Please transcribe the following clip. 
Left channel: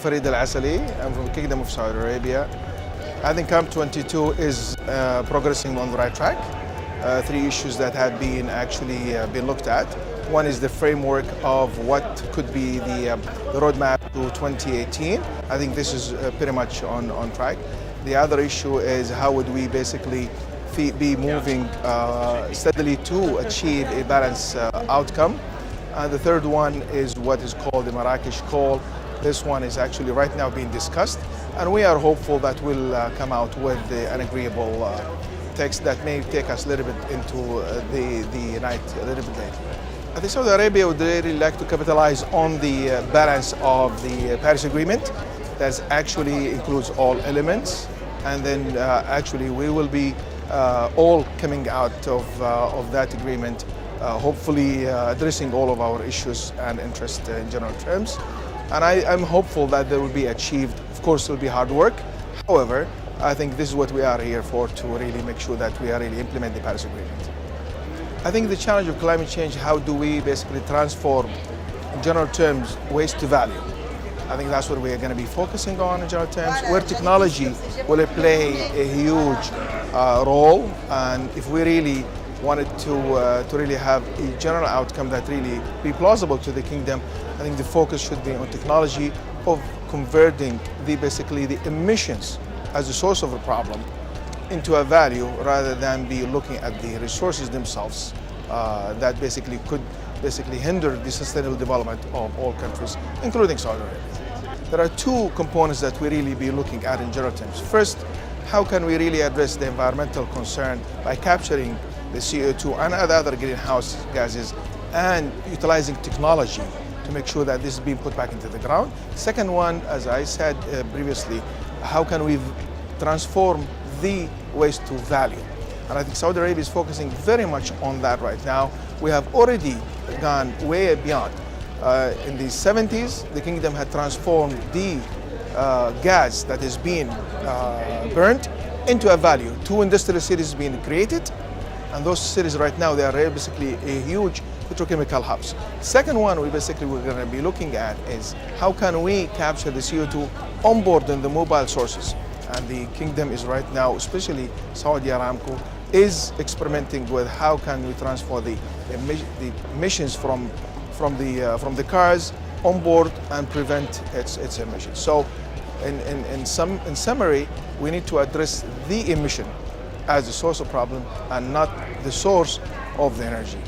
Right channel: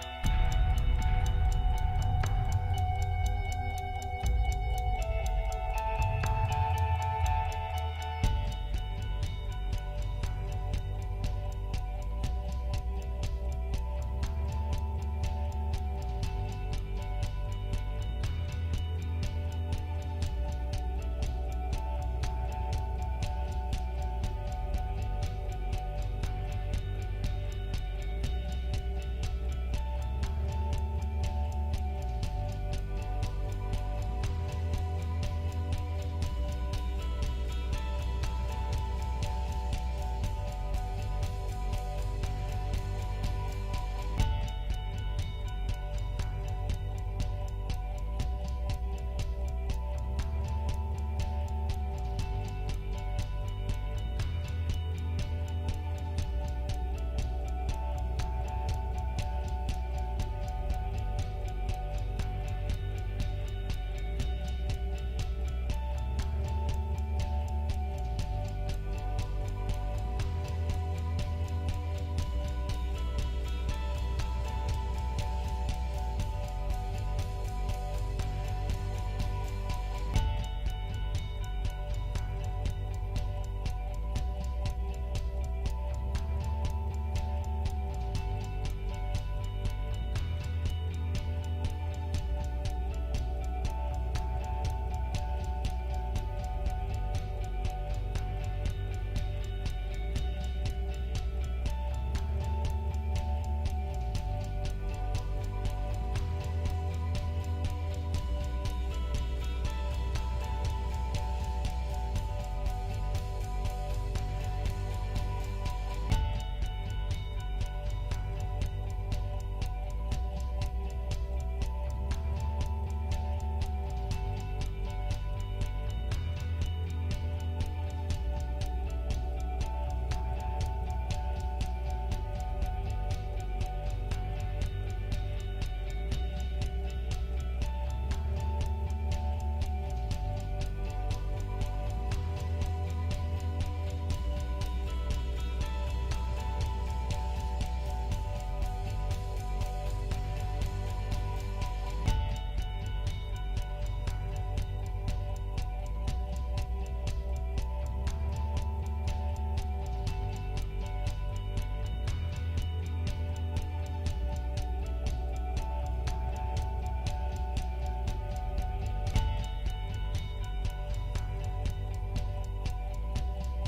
Farid Al-Asaly. I'm from the Kingdom of Saudi Arabia. I think COP22 is progressing on the right track. Three issues that have been been looked at. One is the framework of what could be the roadmap to 2018. I think this is pretty much on track. The other issue is how would we basically be moving steadily to achieve a balanced outcome. The third one is what is called the Marrakech call. This one is actually right now being discussed, and we are hopeful that we'll come out with an agreeable text that may take us a little bit into the night a little bit later. I think Saudi Arabia would really like to capitalize on the balance of the Paris Agreement that actually includes all elements, and then actually we will be all coming out of that agreement, hopefully addressing all of our issues and interests in general terms. And I'm hopeful that they will be achieved. Of course, it will be hard work. However, I think this is what we are here for, to really make sure that we are really implement the Paris Agreement. I think the challenge of climate change, how do we basically transform, in general terms, waste to value? I think that's what we are going to be focusing on in general terms, where technology will play a huge role. And if we really wanted to really have a general outcome that really be plausible to the kingdom, I think the focus should be on technology of converting basically the emissions as a source of a problem into a value, rather than be looking at the resources themselves that basically could hinder the sustainable development of all countries, including Saudi Arabia. There are two components that we really be looking at in general terms. First, how can we really address the environmental concern by capturing the CO2 and other greenhouse gases and utilizing technology to make sure that this is being put back into the ground. Second one, as I said previously, how can we transform the waste to value? And I think Saudi Arabia is focusing very much on that right now. We have already gone way beyond. In the 70s, the kingdom had transformed the gas that is being burnt into a value. 2 industrial cities being created, and those cities right now, they are basically a huge petrochemical hubs. Second one we're going to be looking at is how can we capture the CO2 on board in the mobile sources. And the kingdom is right now, especially Saudi Aramco, is experimenting with how can we transfer the emissions from the cars on board and prevent its emissions. So in summary, we need to address the emission as the source of problem and not the source of the energy.